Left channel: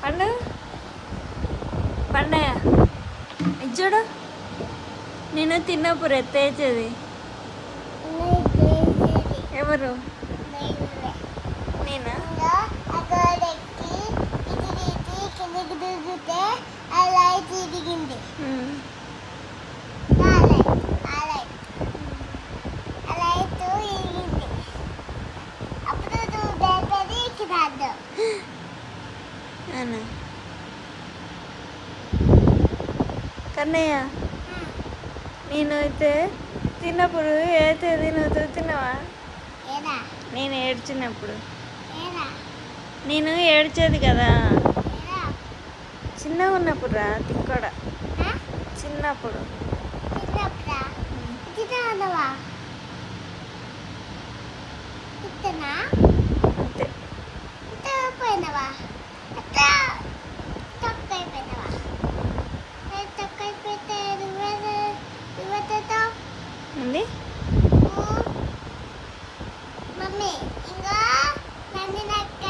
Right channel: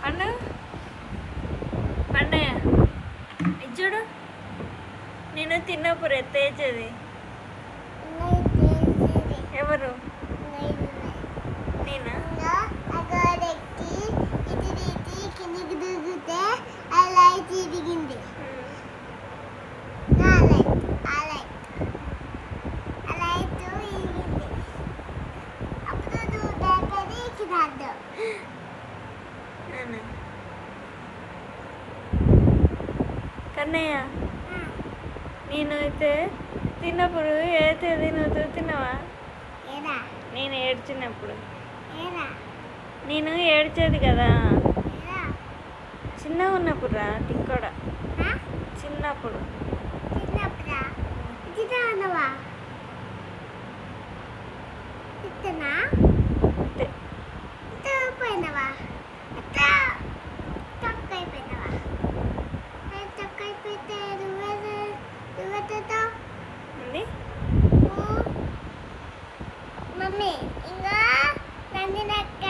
పండు పండయ్య చూడు నేను తిన్నప్పుడు ఎత్తేసేది ఎవరు నేనా కిందకి దిగితే ఆ లైట్ దిగింది కన్నయ్య నేను అయితే తిన్నప్పుడు అయితే నువ్వు తిన్నావా నేను ఏడ్చినప్పుడు నేను ఏడ్చేది కదా చిన్నగా ఉన్నప్పుడు రా తిక్కోడ చిన్నప్పుడు అంతే ఉంది మమ్మీ ఇంకా నందినక్క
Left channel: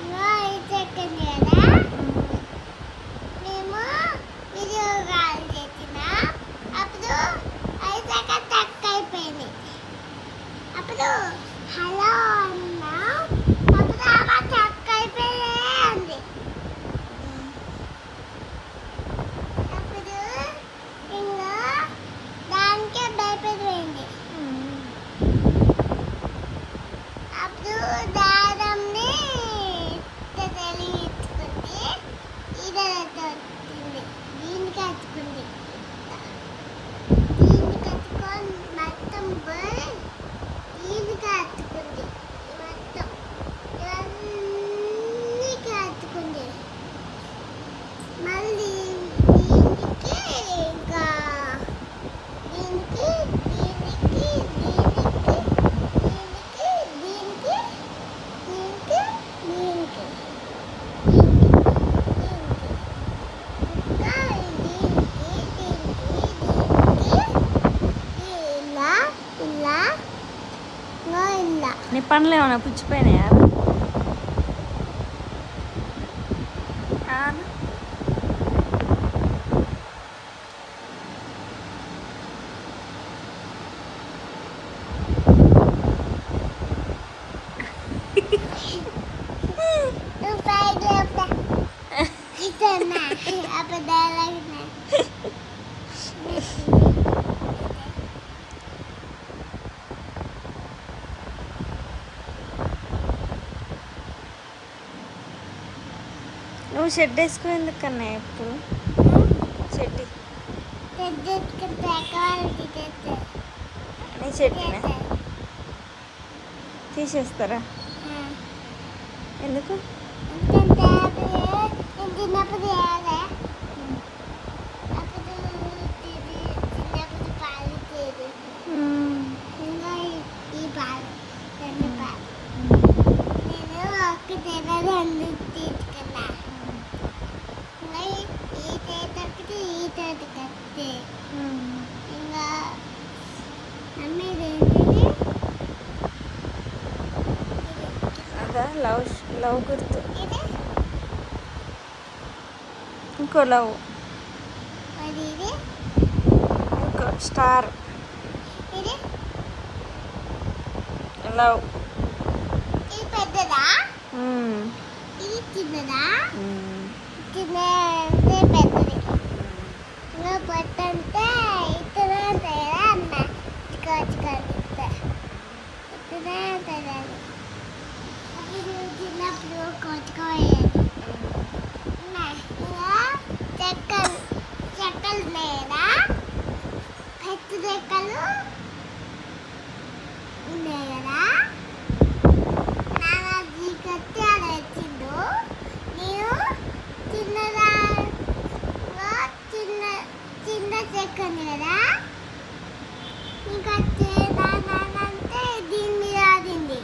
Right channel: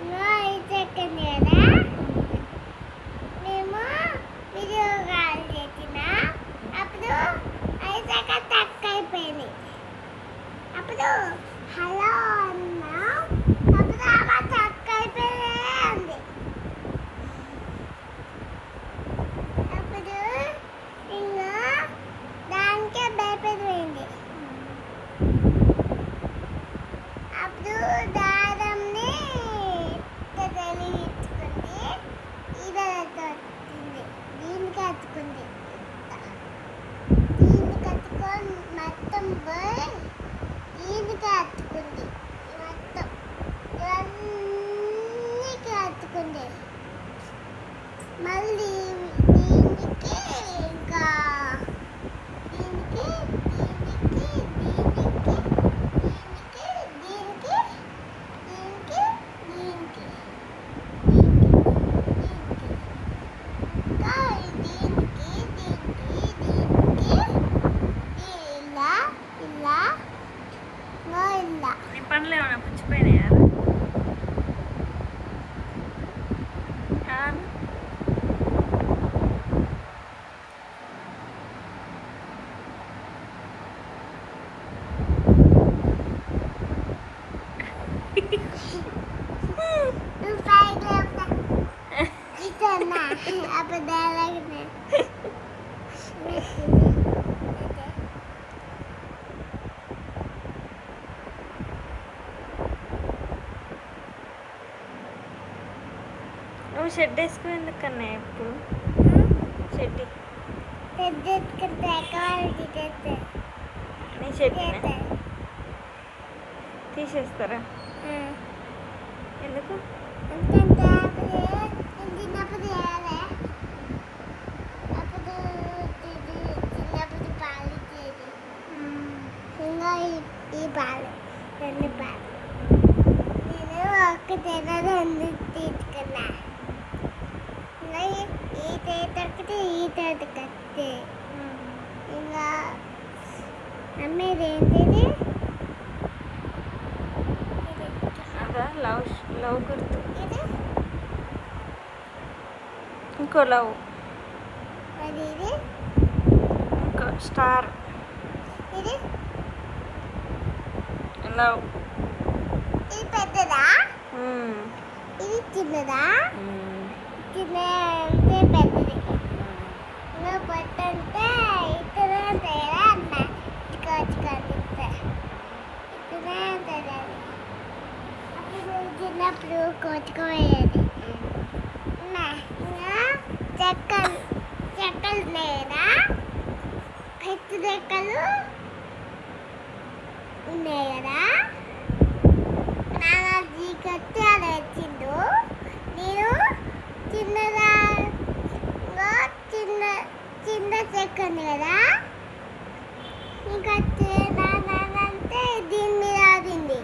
ఇంకా చెక్కండి కదా మేము వీడియో కాల్ చేసిన అప్పుడు ఐసాక టక్ అయిపోయింది అప్పుడు హలో అన్నా అప్పుడు అమ్మ టక్ అయిపోయింది అప్పుడు ఇంకా దానికే భయపడిపోయింది అప్పుడు దారంని తెలియచుకుంది ఇదంతా వచ్చింది దీనికి అతుకుంది దీనికి అతుకొని మొత్తం పోయి దీనికి అతుకుంది మొత్తం ఇవన్నీకి అతుకుంది మళ్ళీ దీనికి ఇంకా దీనికి దీనికి నీ పనులు ఏమైనా పుచ్చిపోయినాయా నువ్వు షెడ్ వేసుకుని ఎందుకన్నా ఎప్పుడు షెడ్ నీ షెడ్నా తీసేస్తారా ఎందుకు చిన్నప్పుడు అప్పుడు చిన్నప్పుడు పాలు ఇచ్చేది ఇంకా ఈ పాలు రెండు పాలు నేను ఒక్క రెండు తీసుకున్నా ఇంకా ఈ తేటకి ఈ తేటకి వస్తే ఇంకా అమ్మేది ఏంటిది అదా లవ్ గుర్తు ఇంకో లవ్ ఇంకో స్టార్ లవ్ ఇది పెద్దదా ఇది చిన్నదా చిన్నది పెద్దది నువ్వు పెట్టంటే ఇతనే ఉంటాయి కదా అన్న చికెన్ ఇతనే ఉంటుంది అది చిన్నప్పుడు కొట్టుకోయేది చెక్కలు లేదా పెద్ద చెక్కలు ఉన్నాయి కదా నాన్న జీకత్తి అది వచ్చిండు నేను చిన్నదా చిన్న చెక్క ఉంది కదా ఇంకా అంటే దీని మీద ఆడింది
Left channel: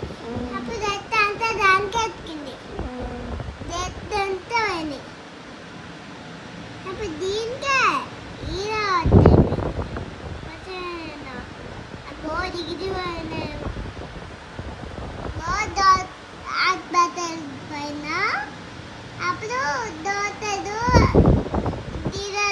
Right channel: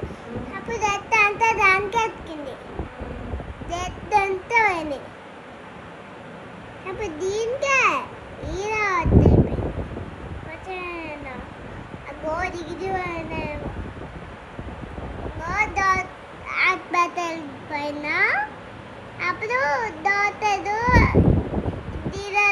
అప్పుడు జట్టు అంతా దానికి ఎత్తికింది జట్టు అంతా పోయింది అప్పుడు దీనికే ఈడ పట్టేది వచ్చేనా అగో దిగిది వాడేమో హాస్పిటల్ పైన అప్పుడు డాక్టర్ దీని